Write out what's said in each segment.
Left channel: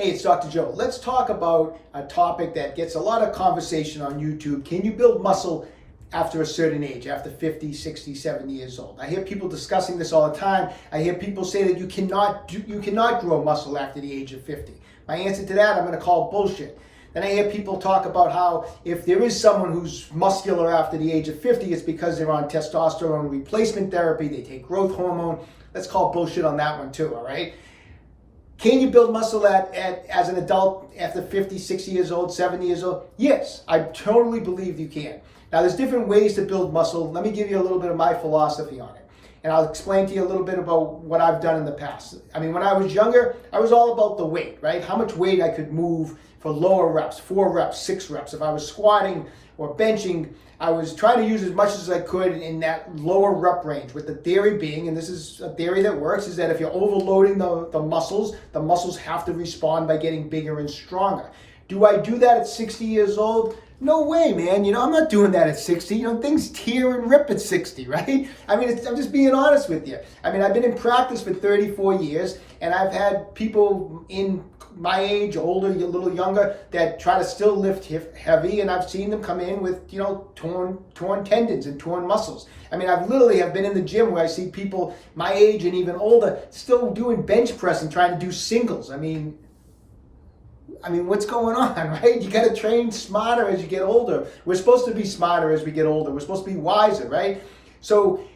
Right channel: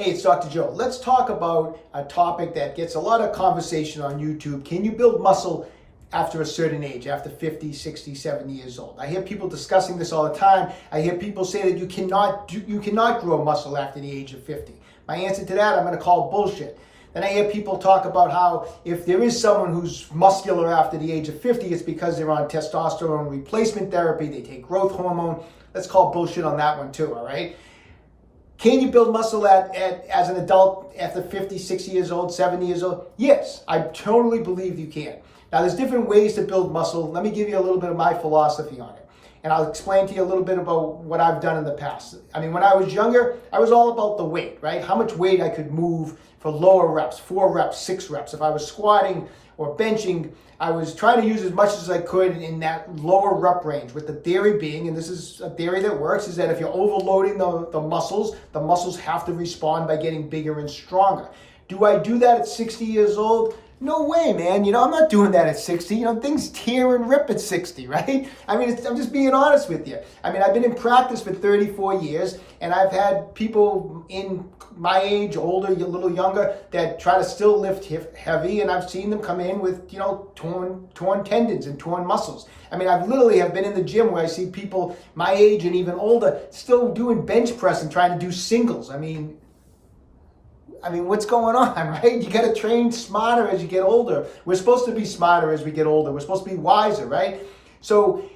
Hey, it's Dr. Joe. Let's talk about a topic that gets a lot of conversation on YouTube. Can you build muscle after a certain age, after 50, 60, 70 years old? I hear people discussing this all the time. I hear people say that you cannot grow muscle after the age of 50. My answer to that, I'm going to call bullshit. Then I hear people talk about how if there is someone who's muscular after the age of 50, it's because they're on testosterone replacement therapy, they take growth hormone. Let's call bullshit on that one too, all right? Can you build muscle as an adult after 50, 60 years old, 70 years old? Yes, I totally believe you can. Now, there's different ways to build muscle. Let me give you a little bit of my philosophy on it. And I'll explain to you a little bit about what I've done in the past. I mean, when I was younger, I was all about the weight, right? How much weight I could move for lower reps, 4 reps, 6 reps. If I was squatting or benching, I was trying to use as much as I could in that lower rep range, with the theory being, and this is a theory that works, is that if you're overloading the muscles have to respond by getting bigger and stronger. Do I do that at 60 years old? No way, man. I'm not doing that at 60. Things tear and rip at 60, right? I mean, I'm just being honest with you. I mean, I've been in practice for 34 years, and I've had people in my age, older, a little younger, that try to still lift heavy, and I've seen them come in with, torn tendons and torn muscles. I mean, I've literally have been in the gym where I see people my age and even older still doing bench press and trying to do singles. I mean, what's going on, right? You got to train smarter as you get older. We're supposed to be smarter as we get older. We're supposed to be wiser, right? So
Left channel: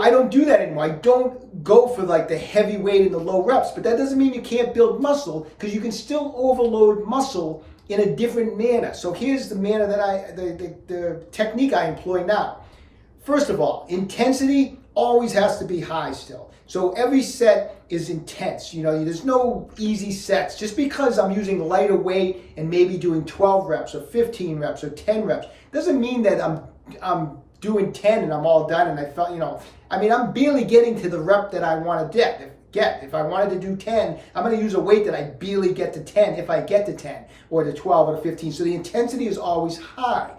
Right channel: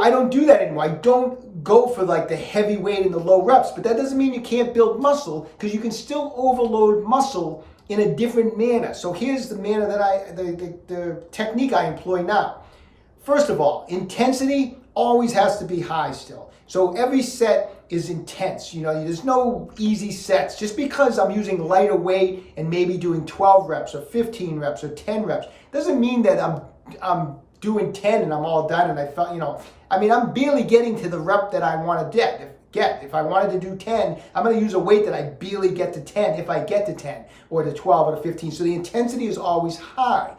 I don't do that anymore. I don't go for like the heavy weight and the low reps, but that doesn't mean you can't build muscle, because you can still overload muscle in a different manner. So here's the manner that the technique I employ now. First of all, intensity always has to be high still. So every set is intense. There's no easy sets. Just because I'm using lighter weight and maybe doing 12 reps or 15 reps or 10 reps, doesn't mean that I'm doing 10 and I'm all done and I felt, I'm barely getting to the rep that I want to get. If I wanted to do 10, I'm going to use a weight that I barely get to 10 if I get to 10 or to 12 or to 15. So the intensity is always high.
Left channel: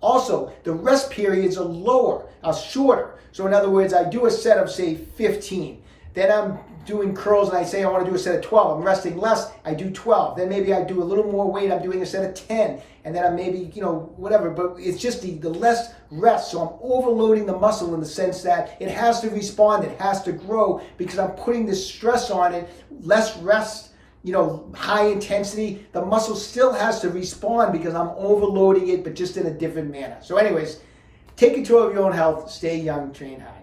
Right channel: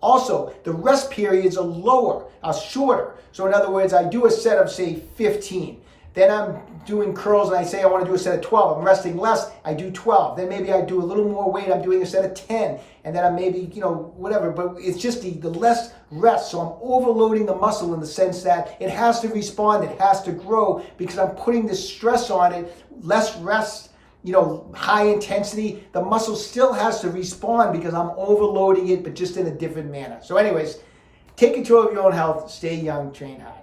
Also, the rest periods are shorter. So in other words, I do a set of, say, 15. Then I'm doing curls and I say I want to do a set of 12. I'm resting less, I do 12. Then maybe I do a little more weight, I'm doing a set of 10. And then I'm maybe, whatever. But it's just the less rest. So I'm overloading the muscle in the sense that it has to respond, it has to grow, because I'm putting this stress on it. Less rest, high intensity. The muscle still has to respond because I'm overloading it, but just in a different manner. So anyways, take control of your own health, stay young, train hard.